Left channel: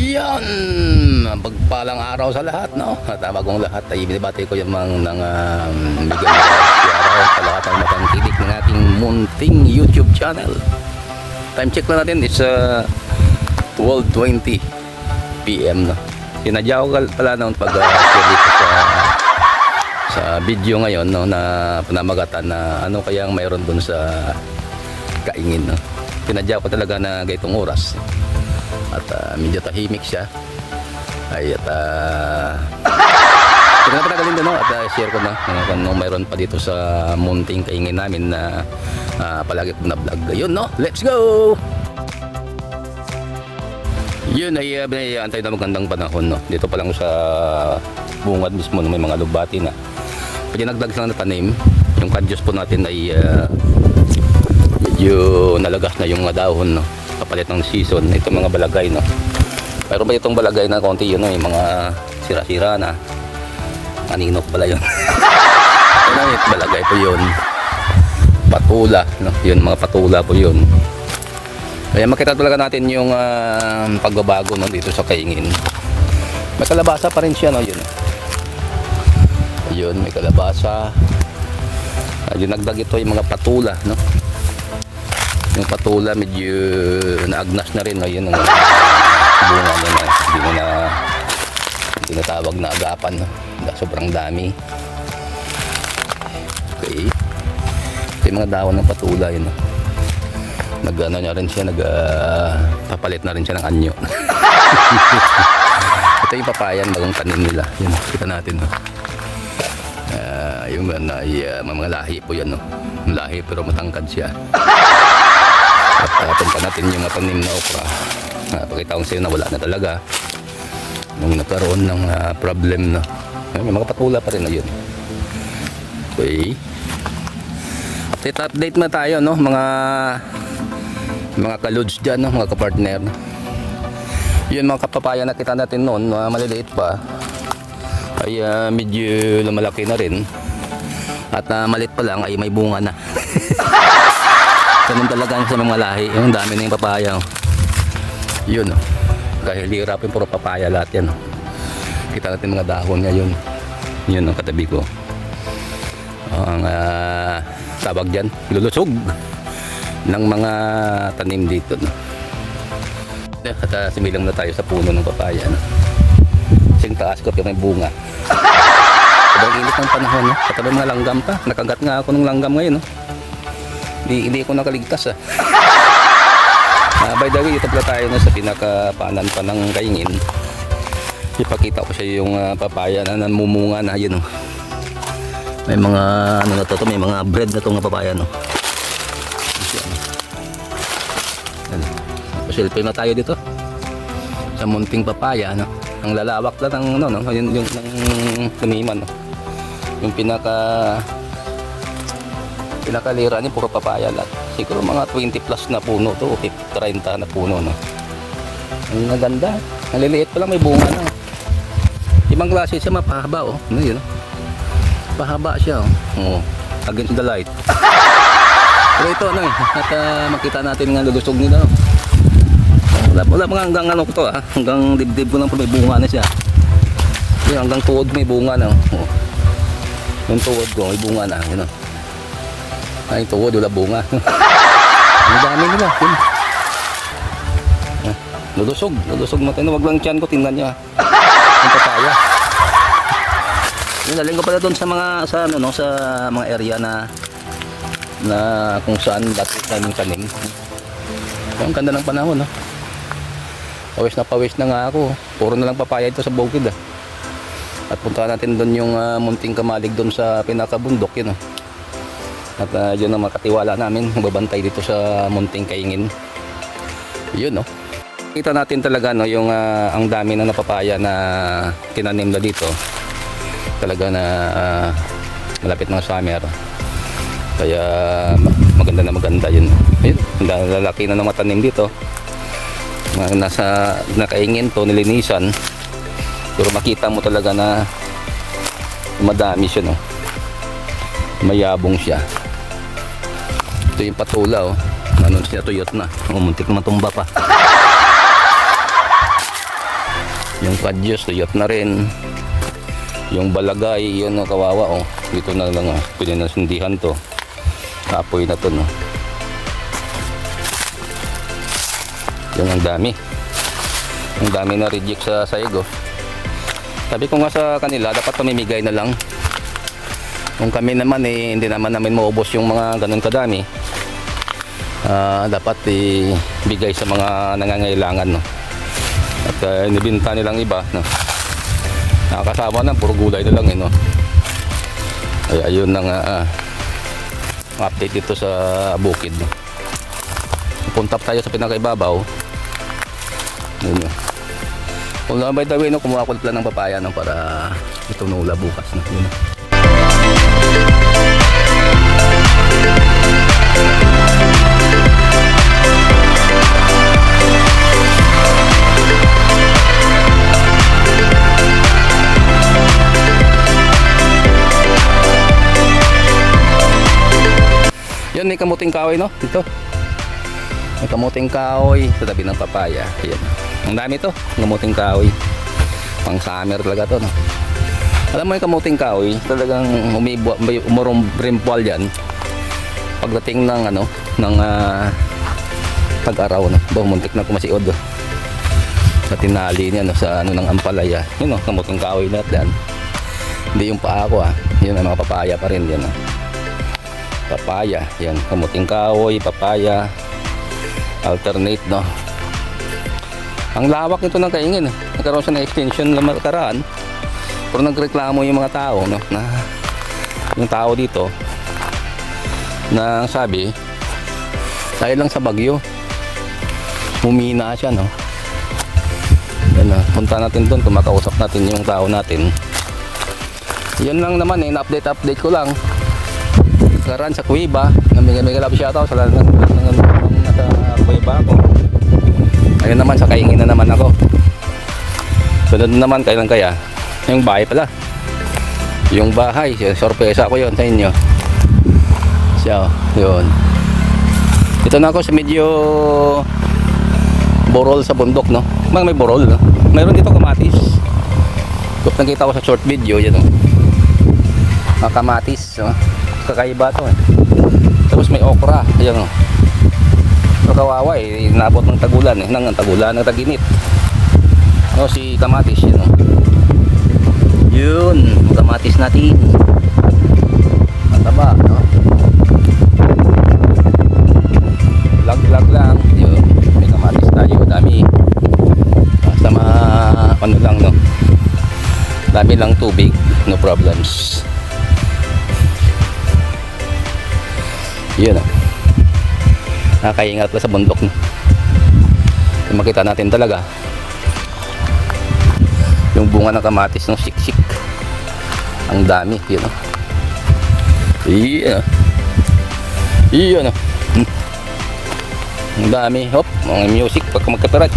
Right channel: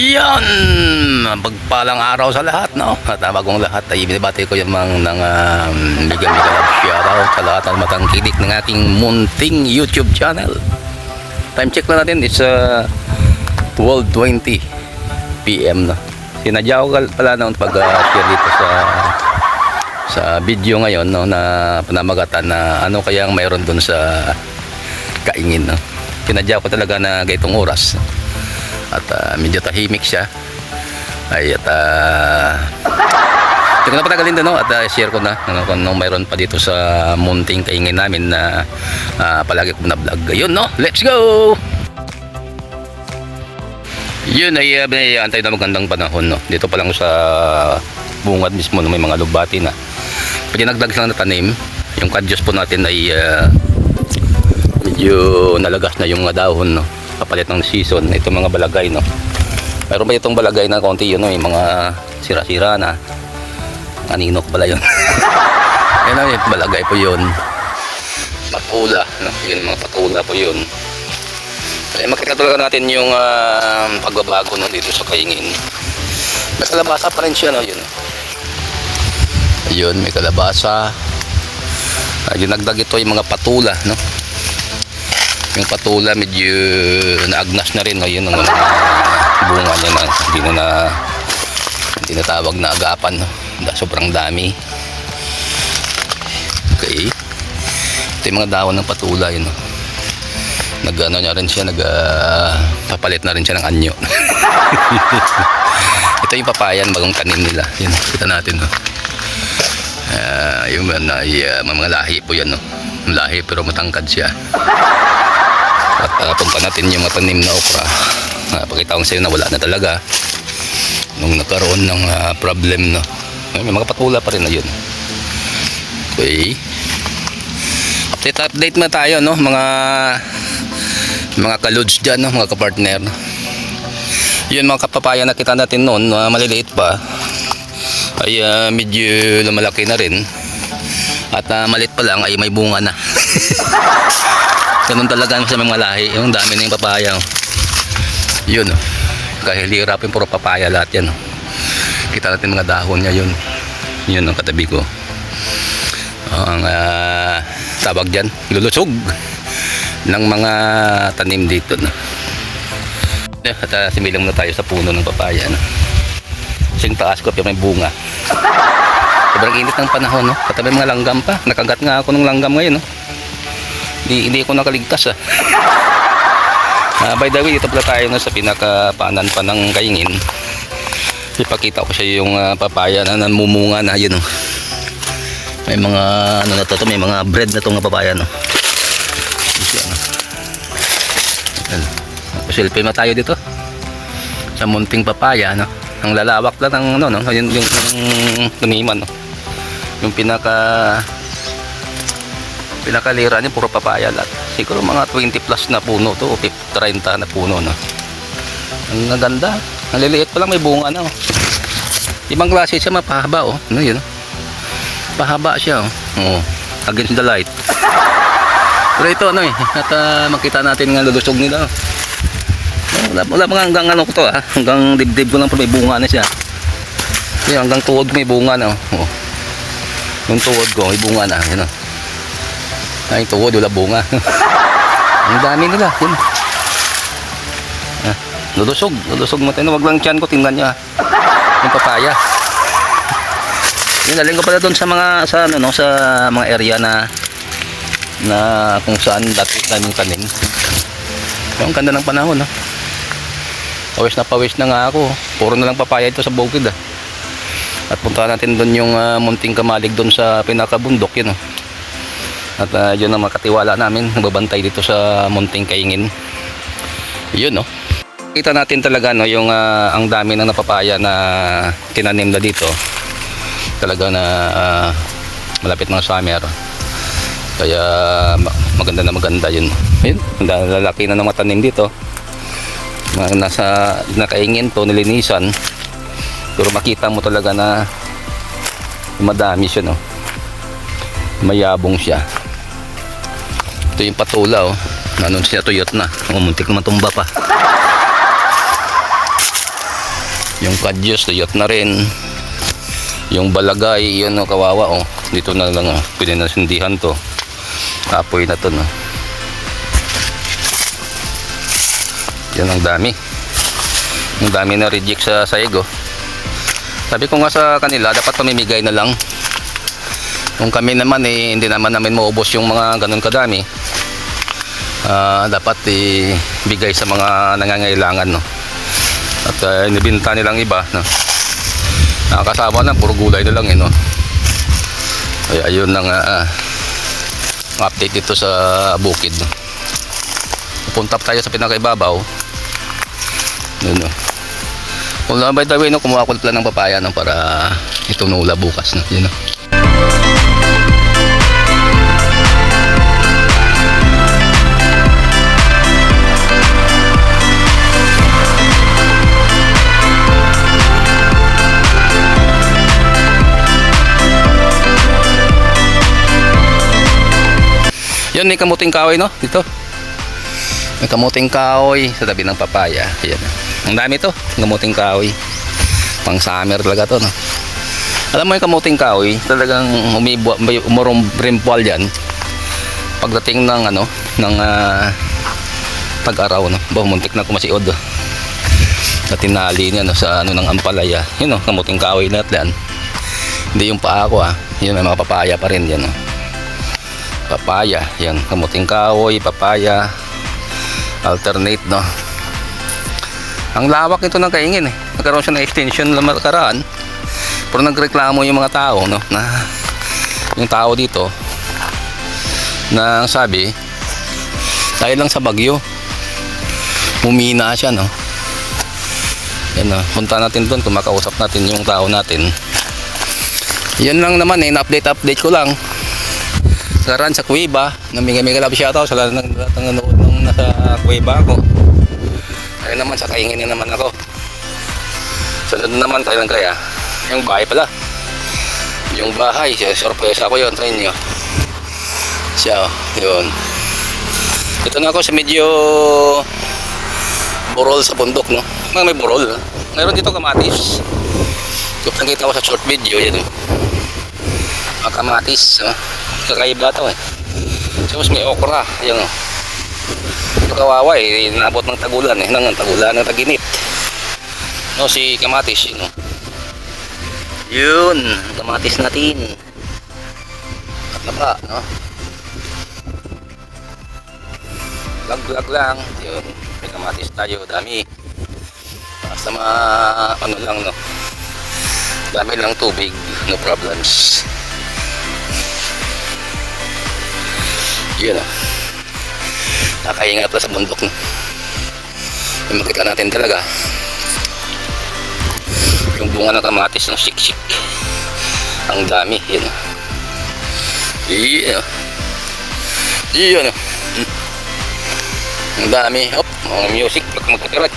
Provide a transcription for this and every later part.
Yan, pagpalang araw sa lahat, no? At bagong lahat ay binibati ko yung mga bigyan ko shoutout sa lahat ng matangkilik ng aking munting YouTube channel. Time check na natin, it's 12:20 PM, no? Sinadya ko pala nung pag-share dito sa video ngayon, no, na panamagatan na ano kayang mayroon dun sa Kaingin, no? Sinadya ko talaga na gaytong oras. At medyo tahimik siya ay at hindi ko na patagalin din, no? At share ko na ano, kung mayroon pa dito sa munting Kaingin namin na palagi ko na vlog. Ayun, no? Let's go! Yun ay antay na magandang panahon, no? Dito pa lang sa bungad mismo, no? May mga lubati na pinagdag lang na tanim. Yung kadyos po natin ay medyo nalagas na yung mga dahon, no? Kapalit ng season. Ito mga balagay, no? Mayroon ba itong balagay na konti yun, no? Yung mga sira-sira na aninok pala yun. Yun, no? Balagay po yun, patula, no? Yun, mga patula po yun. Kaya makita talaga natin yung pagbabago, no? Dito sa Kaingin. May kalabasa pa rin siya, no? Yun, ayun, may kalabasa. Ginagdag ito yung mga patula, no? Yung patula medyo naagnas na rin ngayon ng bunga niya na hindi na tawag na agapan, no? Sobrang dami. Okay, ito yung mga dahon ng patula yun, no? Nag-ano niya rin siya, papalit na rin siya ng anyo. Ito yung papayan, bagong tanim nila. Yun, kita natin, no? Yung mga lahi po yan, no? Lahi pero matangkad siya. At punta natin yung matanim na okra. Pakita ko sa inyo na wala na talaga nung nagkaroon ng problem, no? May mga patula pa rin na yun. Okay, update na tayo, no? Mga kaludes dyan, no? Mga kapartner. Yun, mga kapapaya na kita natin noon, maliliit pa, ay medyo lumalaki na rin. At maliit pa lang ay may bunga na. Ganun talaga sa mga lahi. Yung dami na yung papaya, oh. Yun, oh. Kahit hirapin, puro papaya lahat yan, oh. Kita natin mga dahon niya, yun. Yun ang katabi ko. Ang tawag dyan, lulusog ng mga tanim dito, no? At similang na tayo sa puno ng papaya, no? Sing taas ko, may bunga. Sobrang init ng panahon, no? Katabi mga langgam pa. Nakagat nga ako ng langgam ngayon, no? Hindi ko nakaligtas, by the way, dito pala tayo na sa pinakapaanan pa ng Kaingin. Ipakita ko siya yung papaya na namumunga na, yun, no? May mga ano na to, may mga bread na itong papaya, no? Selfie na tayo dito sa munting papaya, no? Ang lalawak lang ng ano, no? Yung taniman, no? Yung pinakalira niya puro papaya lahat. Siguro mga 20 plus na puno to, 30 na puno, no? Ang ganda, ang liliit pa lang, may bunga na, oh. Ibang klase siya, mapahaba, oh. Ano yun? Pahaba siya, oh. Oh, against the light. Pero ito, ano eh, at makita natin nga lulusog nila, oh. Wala mga hanggang ano ko to, hanggang dibdib ko lang, pero may bunga na siya. Yung hanggang tuod may bunga na, oh. Yung tuod ko may bunga na, yun, oh. Ay, tuod, wala bunga. Ang dami nila, yun. Lulusog mo tayo. Wag lang tiyan ko, tingnan nyo, yung papaya. Yun, naling ko pala doon sa mga area na kung saan dati naming tanim. Ang ganda ng panahon, no? Pawis na nga ako. Puro na lang papaya ito sa bukid, At punta natin doon yung munting kamalig doon sa pinakabundok, yun, At yun ang makatiwala namin, nagbabantay dito sa munting Kaingin. Yun, no? Kita natin talaga, no, yung ang dami ng napapaya na tinanim na dito. Talaga na malapit ng summer. Kaya maganda na maganda yun. Ayun, lalaki na ng matanim dito. Nasa Kaingin to, nilinisan. Pero makita mo talaga na madami siya, no? Mayabong siya. Ito yung patula, oh. Ano siya, tuyot na. Muntik na matumba pa. Yung kadyos, tuyot na rin. Yung balagay, yun no, kawawa oh. Dito na lang oh, pinasindihan to. Apoy na to no. Yan ang dami. Ang dami na reject sa saig oh. Sabi ko nga sa kanila, dapat pamimigay na lang. Kung kami naman eh, hindi naman namin maubos yung mga ganun kadami. Dapat ibigay sa mga nangangailangan no. At nibinta nilang iba no. Nakakasama lang, puro gulay na lang eh no. Ay, ayun lang update dito sa bukid no. Punta tayo sa pinakaibabaw. Yun no. Kung by the way no, kumuha ko lang ng papaya no, para itunula bukas no. Yun no. Yan, may kamuting kahoy no dito. May kamuting kahoy sa tabi ng papaya. Yan. Ang dami to, kamuting kahoy. Pang summer talaga to no. Alam mo yung kamuting kahoy, talagang umurong-rimpwal yan. Pagdating ng ano, ng tag-araw no. Muntik na kumasiod. Sa tinali niya no, sa ano ng ampalaya. Yun no, kamuting kahoy lahat yan. Hindi yung paa ko Yun, may mga papaya pa rin yan no. Papaya, yan, kamuting kahoy, papaya, alternate no. Ang lawak nito ng Kaingin eh. Nagkaroon siya ng extension na makaraan. Pero nagreklamo yung mga tao no, na yung tao dito na sabi dahil lang sa bagyo humina siya no. Yan no, punta natin doon, kumakausap natin yung tao natin. Yan lang naman eh, na-update ko lang. Karan sa Kuweba, namigay-migay love shoutout sa lahat ng nasa Kuweba ako. Ayun naman, sa Kaingin na naman ako. Sunod naman, kailan kaya? Yung bahay pala. Yung bahay, sorpresa ako yun sa inyo. Siya, yun. Ito na ako sa medyo burol sa bundok, no? May burol, no? Mayroon dito kamatis. Kung nakita ko sa short video, yun. Mga kamatis, no? Kakaiba to eh. Tapos may okra, yan oh. Kawawa eh, inabot ng tagulan eh, ng taginit. No, si kamatis yun oh. Yun, kamatis natin. Mataba, no? Lag lang, yun. May kamatis tayo, dami. Basta ano lang no. Dami lang tubig, no problems. Yun o. Nakakaingat na sa bundok no? Makita natin talaga yung bunga ng kamatis ng siksik. Ang dami. Yun o. Yun o. Yun o. Ang dami. Hop, ang music pagka magkakarat.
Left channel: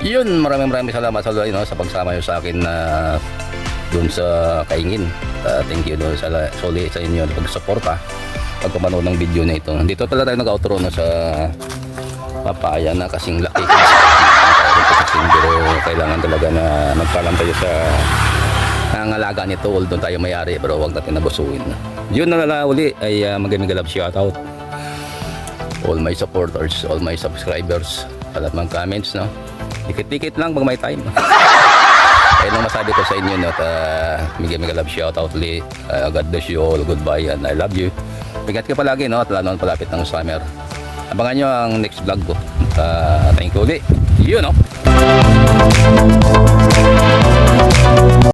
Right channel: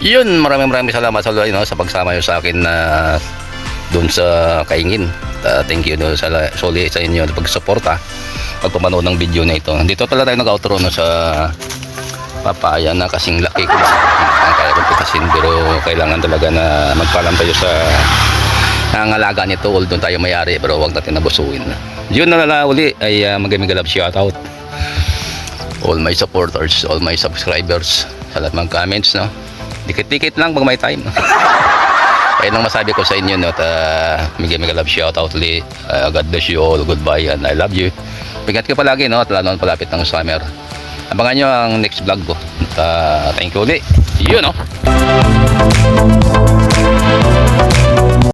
Yun, maraming salamat sa sa pagsama nyo sa akin na doon sa Kaingin. Thank you no, sa inyo na pagsuporta pagpapanood ng video na ito. Dito pala tayo nag-outro no, sa papaya na kasing laki ko. Kaya ko kasi pero kailangan talaga na magpaalam tayo sa nangangalaga nito, although tayo may-ari, pero wag natin nabusuin. Yun na uli ay magaming love shoutout all my supporters, all my subscribers, sa lahat ng comments no. Dikit-dikit lang pag may time. Ayun lang masabi ko sa inyo no, at magaming love shoutout uli. God bless you all, goodbye and I love you. Ingat ka palagi no, at lalo palapit ng summer. Abangan nyo ang next vlog ko. Thank you ulit. Yun no.